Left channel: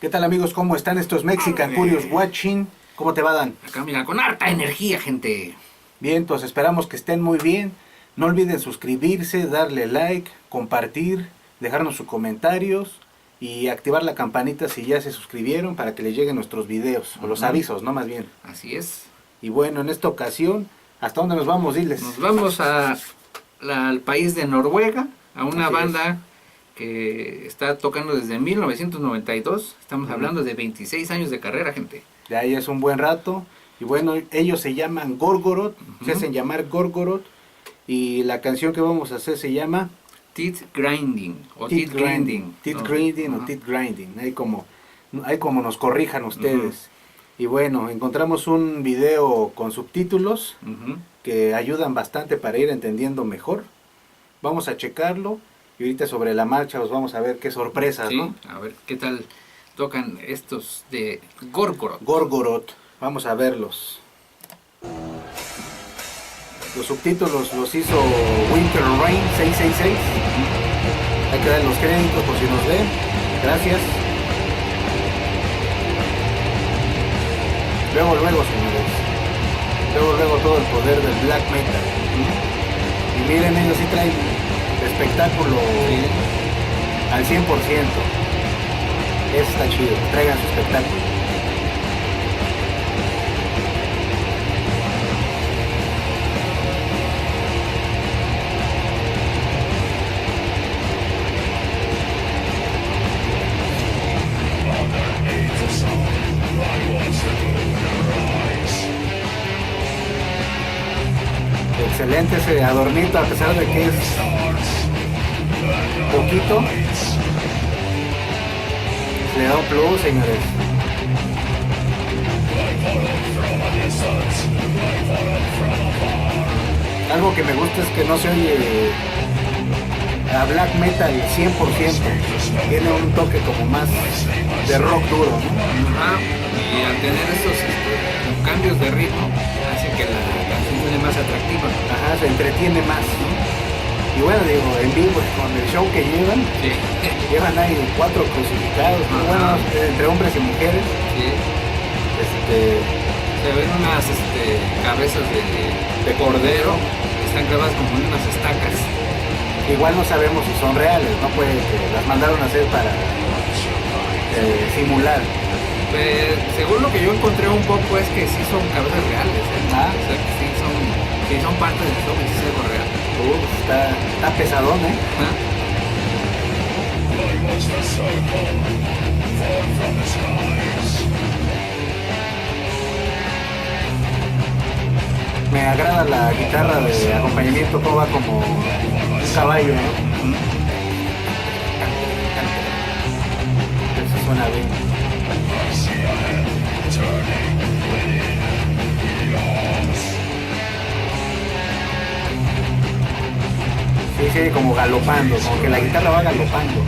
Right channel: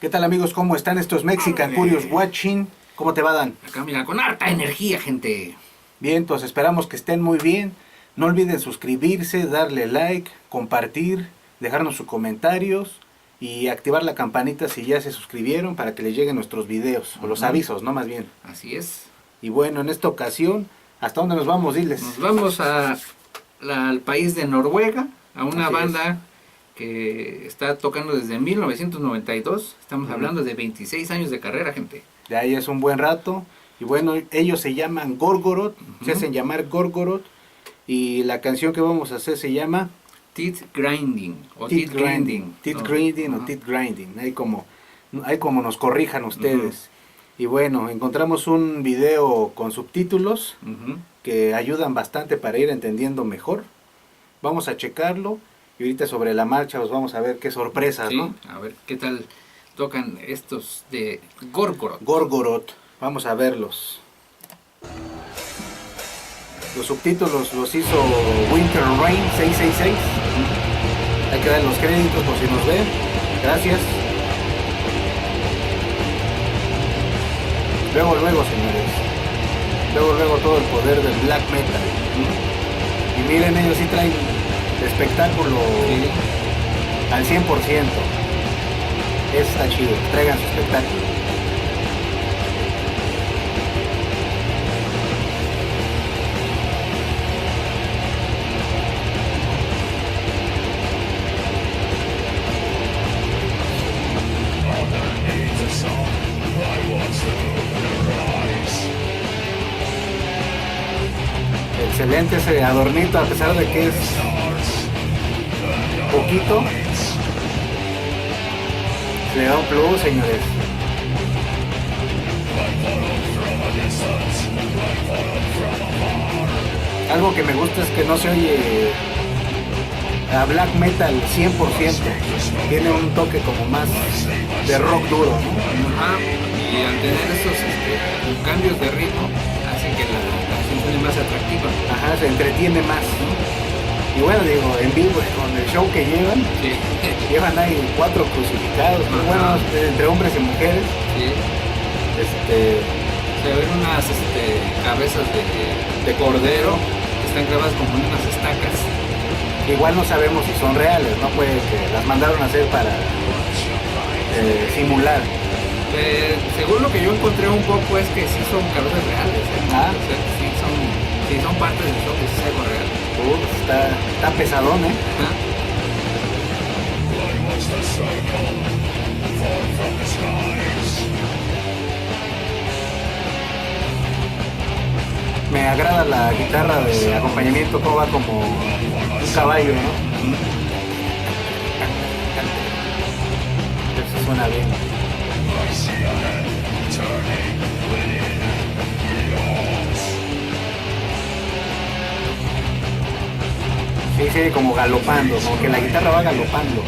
¿Qué tal, amigos? ¿Cómo están estos Mexican Curious Watching? ¿Cómo te va, Dan? Acá mira, con harta energía, gente. Bien, pues esperamos que estén muy bien. No olviden suscribirse, darle like, compartir, dejarnos sus comentarios y activar la campanita si ya se suscribieron para que les lleguen nuestros videos, o los avisos, ¿no? Más bien. Así es. Y bueno, en esta ocasión, ¿hasta dónde nos vamos? Diles. Nos vamos al país de Noruega, a una Así banda que está tocando desde 1992. Estamos hablando de 26 años de carrera, gente. De ahí es un buen rato. Y bueno, ellos se llaman Gorgoroth, se hacen llamar Gorgoroth. Y la canción que vamos a hacer se llama Teeth Grinding o Teeth Teeth Grinding. Teeth ¿no? Grinding o Ajá. Teeth Grinding. Ahí como nos corrijan ustedes. Y bueno, encontramos un video con subtítulos Ujú. que ayudan bastante para ir entendiendo mejor. Vamos a checarlo y ahorita sobre la marcha os vamos a ver qué sorpresas, Sí, ¿no? a ver qué tal tocan estos de Gorgoroth. Gorgoroth, vamos a verlos. Los subtítulos los hizo Winter Rain 666. Hay que dar los créditos por si nos ven. Gracias. Luego, señores. Luego todo el poder del black metal. Y miren, ellos sí traen espectáculo al 100%. Está chido. Traigan su espectáculo. Excelente ese adornito, a pesar de que es poquito, le da un plus, señores. Algo que me gusta es que no se oye a black metal 100%, tiene un toque como más de rock duro, ¿no? Ajá. Y al tener estos cambios de ritmo, hace que la canción suene más atractiva. Ajá, se entretiene más. Y bueno, digo, en vivo con el show que llevan, Sí. llevan ahí 4 crucificados, muy Ajá. buenos, entre hombres y mujeres. Sí. Se ven unas cabezas de cordero que están clavadas como en unas estacas. Igual no sabemos si son reales, no puede que las mandaron a hacer para simular. Según lo que yo encontré un poco es que sí son cabezas reales. Ah. O sea, que sí son partes del show, que sí es algo real. Está pesadón, ¿eh? Ajá. Me agrada la guitarra de acompañamiento, como va como un caballo, ¿no? Eso suena bien. Sí, como galopando, como que la guitarra va galopando.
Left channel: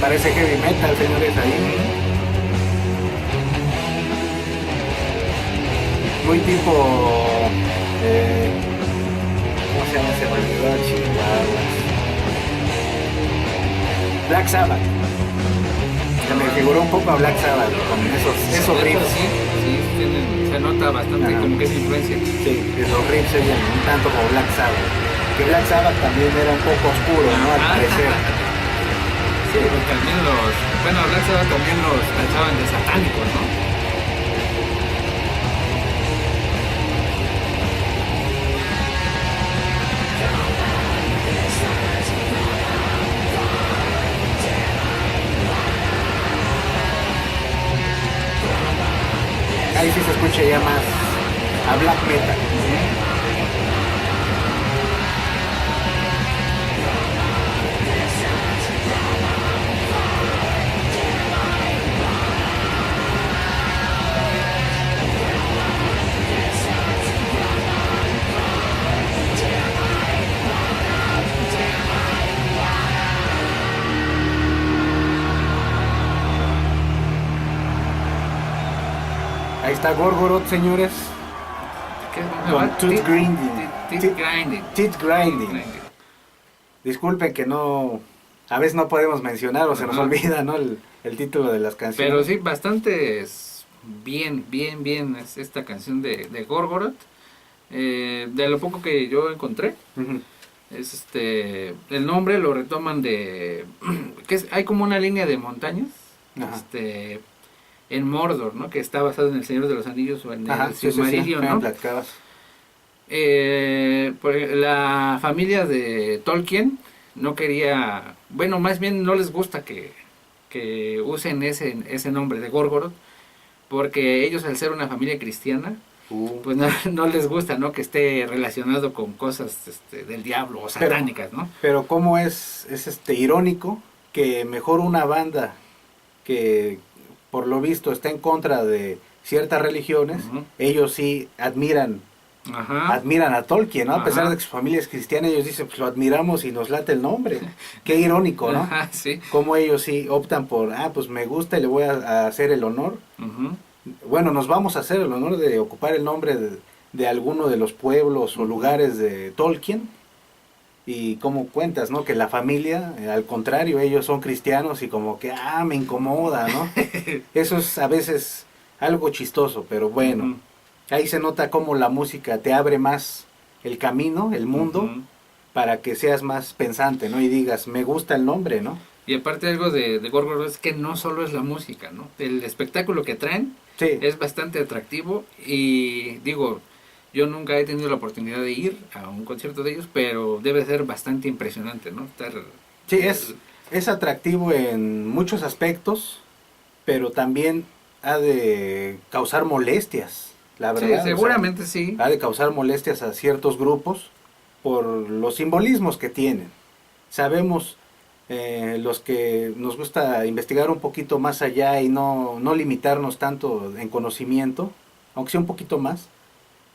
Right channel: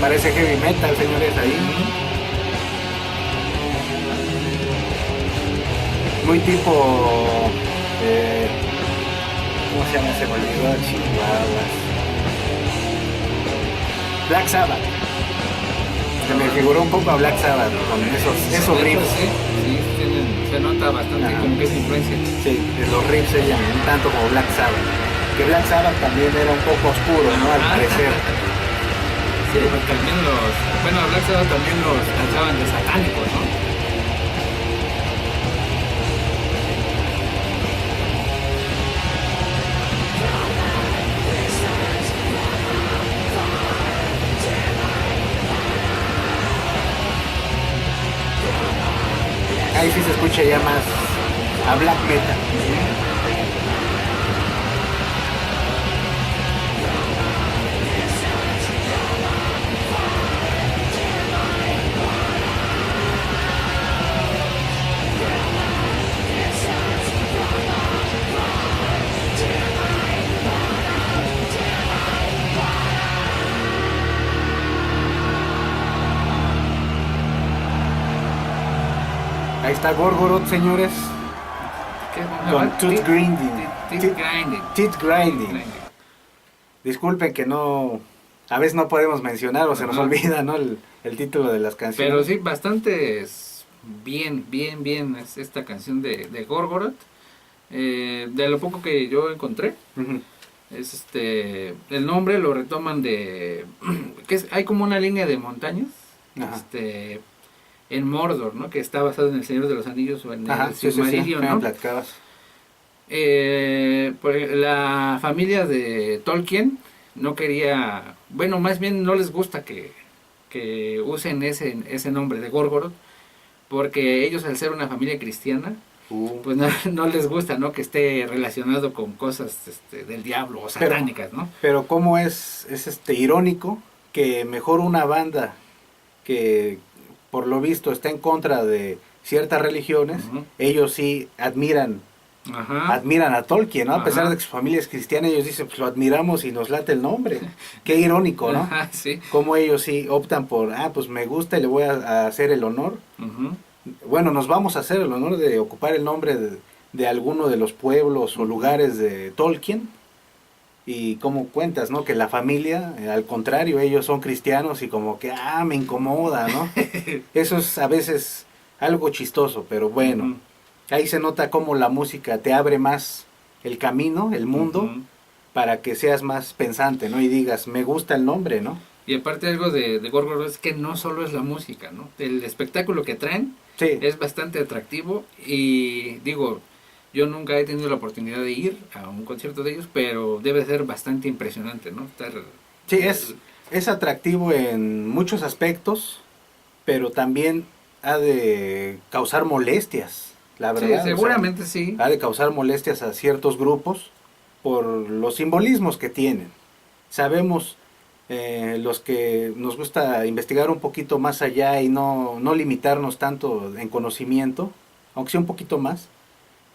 Parece heavy metal, señores, ahí. Muy tipo... ¿cómo se llama ese bolívar? Chihuahuas. Black Sabbath. Se me figuró un poco a Black Sabbath con esos De hecho, riffs. sí, se nota bastante. Ajá. Como que es influencia. Sí, los riffs se llaman un tanto como Black Sabbath. Que Black Sabbath también era un poco oscuro, ¿no? Al parecer. Sí, pues también a Black Sabbath también los tachaban de satánicos, ¿no? Ahí sí se escucha ya más a black metal. Está Gorgoroth, señores, ¿Qué es? con Tooth Grinding. Teeth Grinding. Teeth Grinding. Disculpen que no, a veces no podemos mencionar o se nos Ajá. olvida, ¿no? El título de las canciones. Pero sí, bastante bien es esta canción de Gorgoroth. De lo poco que yo encontré, Ujú. es el nombre lo retoman de hay como una línea de montañas Ajá. en Mordor, ¿no? Que está basado en el Señor de los Anillos o en Ajá, el sí, Silmarillion, me ¿no? platicabas. La familia de Tolkien no quería, bueno, más bien no les gusta que usen ese nombre de Gorgoroth, porque ellos, al ser una familia cristiana, pues no les gusta, ¿no? Que esté relacionado con cosas del diablo o satánicas, ¿no? Pero cómo es irónico que mejor una banda que por lo visto está en contra de ciertas religiones, Ujú. ellos sí admiran Ajá. a Tolkien, ¿no? A pesar Ajá. de que su familia es cristiana, ellos dicen, pues lo admiramos y nos late el nombre. Qué irónico, ¿no? Ajá, sí. Cómo ellos sí optan por, pues me gusta y le voy a hacer el honor. Ujú. Bueno, nos vamos a hacer el honor de ocupar el nombre de alguno de los pueblos o lugares de Tolkien. Y como cuentas, ¿no? Que la familia, al contrario, ellos son cristianos y como que, me incomoda, ¿no? Eso es a veces algo chistoso, pero bueno. Ujú. Ahí se nota cómo la música te abre más el camino, el mundo, Ujú. para que seas más pensante, ¿no? Y digas, me gusta el nombre, ¿no? Y aparte algo de Gorgoroth es que no solo es la música, ¿no? El espectáculo que traen Sí. es bastante atractivo y digo, yo nunca he tenido la oportunidad de ir a un concierto de ellos, pero debe ser bastante impresionante, ¿no? Sí, es atractivo en muchos aspectos, pero también ha de causar molestias, la Sí, verdad. seguramente sí. Ha de causar molestias a ciertos grupos por los simbolismos que tienen. Sabemos, los que nos gusta investigar un poquito más allá y no limitarnos tanto en conocimiento, aunque sea un poquito más,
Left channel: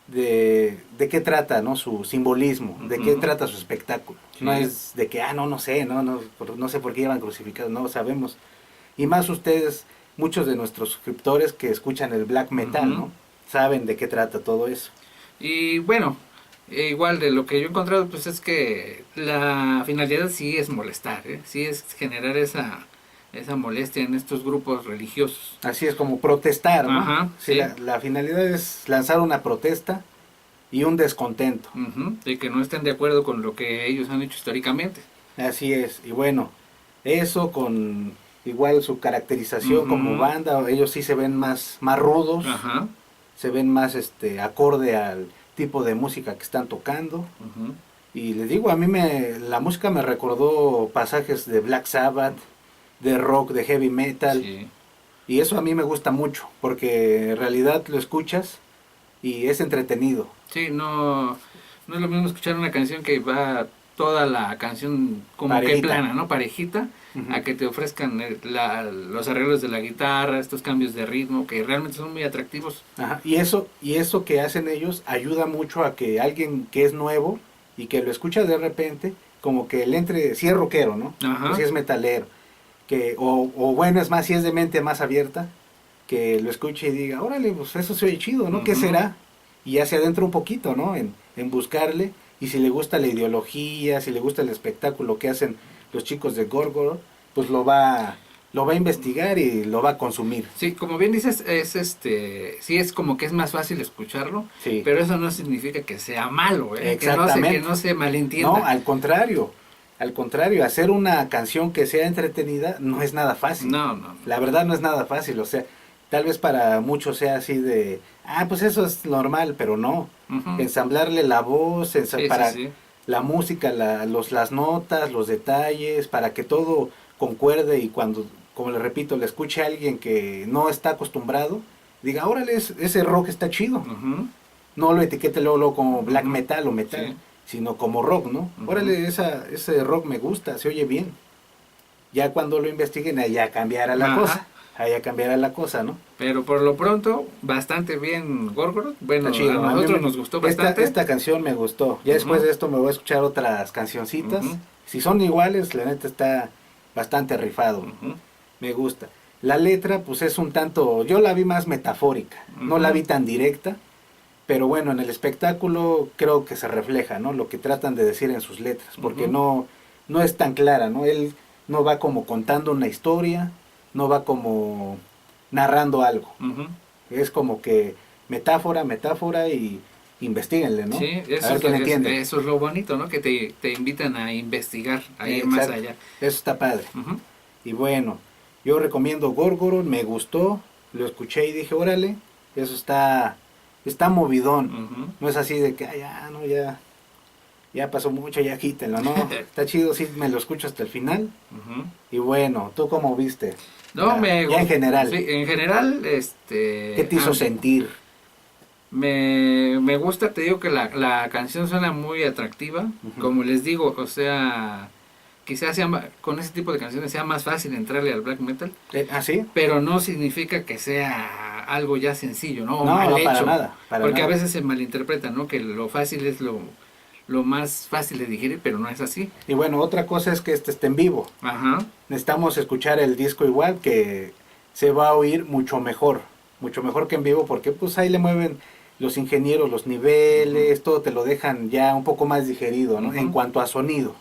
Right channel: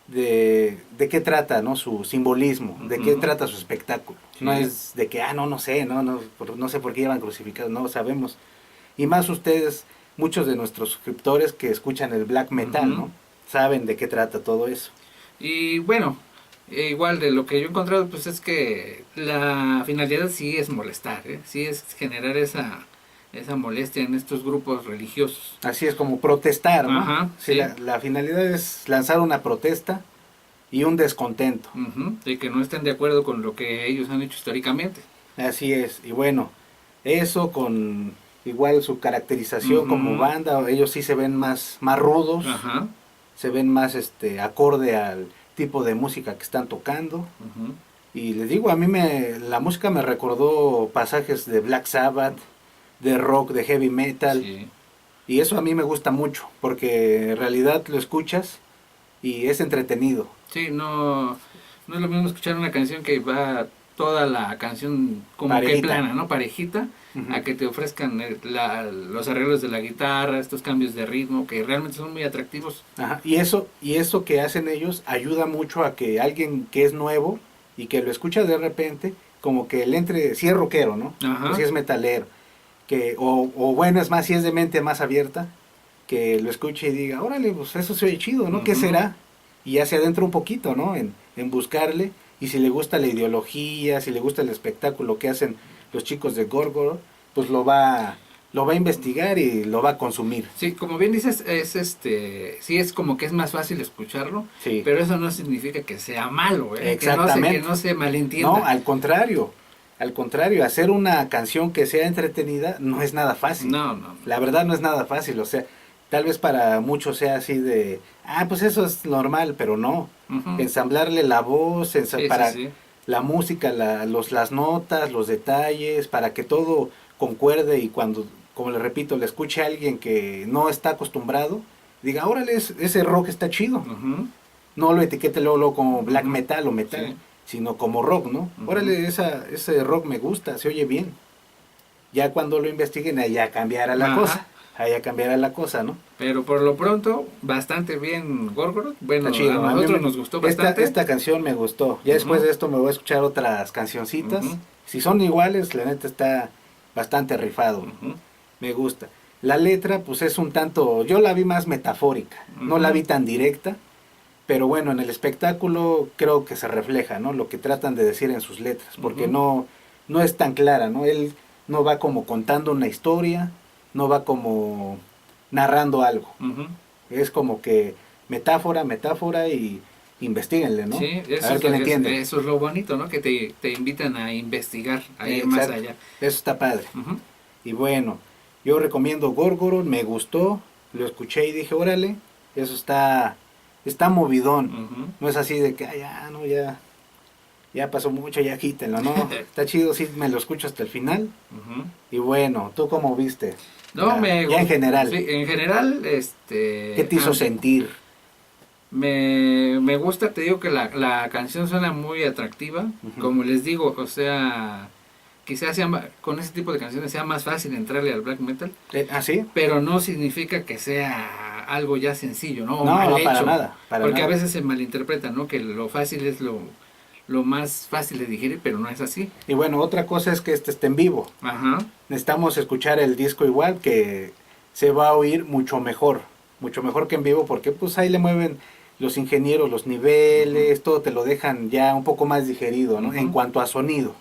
de qué trata, ¿no? Su simbolismo, de qué Ujú. trata su espectáculo. Sí. No es de que, no sé, no sé por qué llevan crucificados, no sabemos. Y más ustedes, muchos de nuestros suscriptores que escuchan el black metal, Ujú. ¿no? Saben de qué trata todo eso. Y bueno, igual de lo que yo he encontrado, pues es que la finalidad sí es molestar, ¿eh? Sí es generar esa molestia en estos grupos religiosos. Así es como protestar, ¿no? Ajá, Sí, sí. la finalidad es lanzar una protesta y un descontento. Ujú. De que no estén de acuerdo con lo que ellos han hecho históricamente. Así es. Y bueno, eso con igual su caracterización como Ujú. banda, ellos sí se ven más rudos, Ajá. se ven más acorde al tipo de música que están tocando. Ujú. Y les digo, a mí la música me recordó pasajes de Black Sabbath, de rock, de heavy metal. Sí. Y eso a mí me gusta mucho, porque en realidad lo escuchas y es entretenido. Sí, no es lo mismo escuchar una canción que va toda la canción como Parejita. que plana, ¿no? Parejita, Ujú. a que te ofrezcan los arreglos de la guitarra, estos cambios de ritmo que realmente son muy atractivos. Ajá. Y eso que hacen ellos ayuda mucho a que alguien que es nuevo y que lo escucha de repente, como que le entre, si es rockero, ¿no? Ajá. O si es metalero, o bueno, es más, si es de mente más abierta, que lo escuche y diga, órale, pues eso se oye chido, ¿no? ¿Qué Ujú. será? Y ya se adentra un poquito, ¿no? En buscarle, y si le gusta la ideología, si le gusta el espectáculo que hacen los chicos de Gorgoroth, pues lo va a investigar y lo va a consumir. Sí, como bien dices, sí es como que es más fácil escucharlo, Sí. pero eso no significa que sea malo, ¿eh? Exactamente. Que no se malentienda. No, al contrario, hacer una canción que sea entretenida no es nada fácil. No. La verdad no es nada fácil, o sea, tal vez para muchos sea así de, pues eso es normal, pero no. Ujú. Ensamblarle la voz, para Sí. la música, las notas, los detalles, para que todo concuerde y cuando, como le repito, le escuche a alguien que no está acostumbrado, diga, órale, ese rock está chido. Ujú. No lo etiquete luego como black Ujú. metal o metal, Sí. sino como rock, ¿no? Ujú. Órale, ese rock me gusta, se oye bien. Ya cuando lo investiguen, ahí ya cambiará la Ajá. cosa. Ahí ya cambiará la cosa, ¿no? Pero por lo pronto, bastante bien Gorgoroth. Bueno, Está chido. a A mí nosotros nos gustó bastante. esta canción me gustó. Ya después Ujú. de esto me voy a escuchar otras cancioncitas. Ujú. Si son iguales, la neta está bastante rifado. Ujú. Me gusta. La letra pues es un tanto, yo la vi más metafórica, no la vi tan directa, pero bueno, en el espectáculo creo que se refleja, ¿no? Lo que tratan de decir en sus letras, porque no es tan clara, ¿no? Él no va como contando una historia, no va como narrando algo. Es como que metáfora y investíguenle, ¿no? Sí, A ver quién entiende. eso es lo bonito, ¿no? Que te invitan a investigar, a ir más allá. Eso está padre. Y bueno, yo recomiendo Gorgoroth, me gustó, lo escuché y dije, órale, eso está movidón. No es así de que, ya pasó mucho, ya quítenlo, ¿no? Está chido, sí, me lo escucho hasta el final. Y bueno, ¿tú cómo viste? No, ya en general. Sí, en general, ¿qué te hizo sentir? Me gusta, te digo que la canción suena muy atractiva, como les digo, o sea, quizás con ese tipo de canciones sea más fácil entrarle al black metal. ¿Sí? Pero no significa que sea algo ya sencillo, ¿no? O no, mal no, hecho, para nada. porque a veces se malinterpreta, ¿no? Que lo fácil es lo más fácil de digerir, pero no es así. Y bueno, otra cosa es que este esté en vivo. Necesitamos escuchar el disco igual, que se va a oír mucho mejor que en vivo, porque pues ahí le mueven los ingenieros los niveles, todo te lo dejan ya un poco más digerido, ¿no? En cuanto a sonido.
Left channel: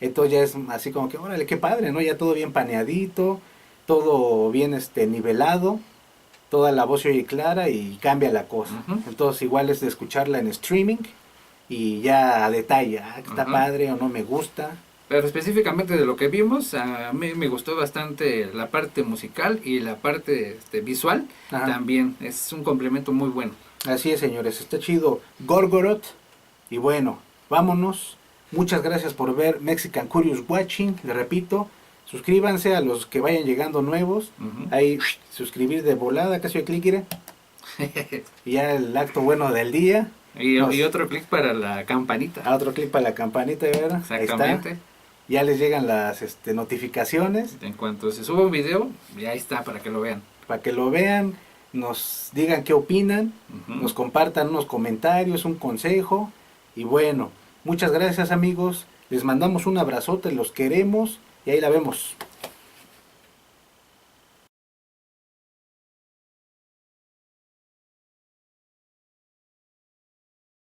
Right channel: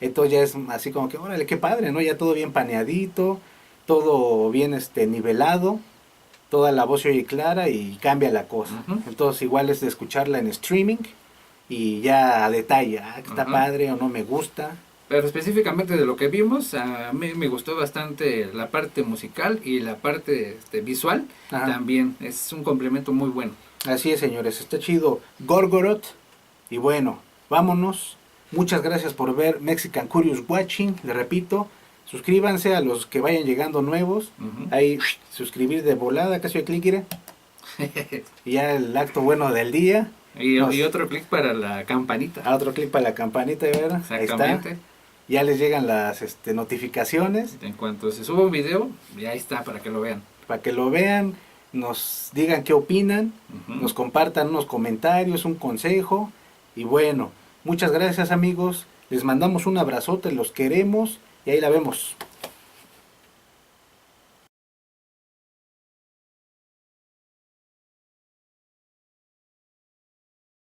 Entonces ya es así como que, órale, qué padre, ¿no? Ya todo bien paneadito, todo bien nivelado, toda la voz se oye clara y cambia la cosa. Entonces igual es de escucharla en streaming y ya a detalle, que está padre o no me gusta. Pero específicamente de lo que vimos, a mí me gustó bastante la parte musical y la parte visual también. Es un complemento muy bueno. Así es, señores, está chido Gorgoroth. Y bueno, vámonos. Muchas gracias por ver Mexican Curious Watching. Le repito, suscríbanse a los que vayan llegando nuevos. Ahí, suscribir de volada, casi clic. Y ya el acto bueno del día. Y otro clic para la campanita. Otro clic para la campanita, ¿verdad? Exactamente. Ahí está. Ya les llegan las notificaciones. En cuanto se suba un video, ya está para que lo vean. Para que lo vean, nos digan qué opinan, nos compartan unos comentarios, un consejo. Y bueno, muchas gracias amigos. Les mandamos un abrazote, los queremos y ahí la vemos.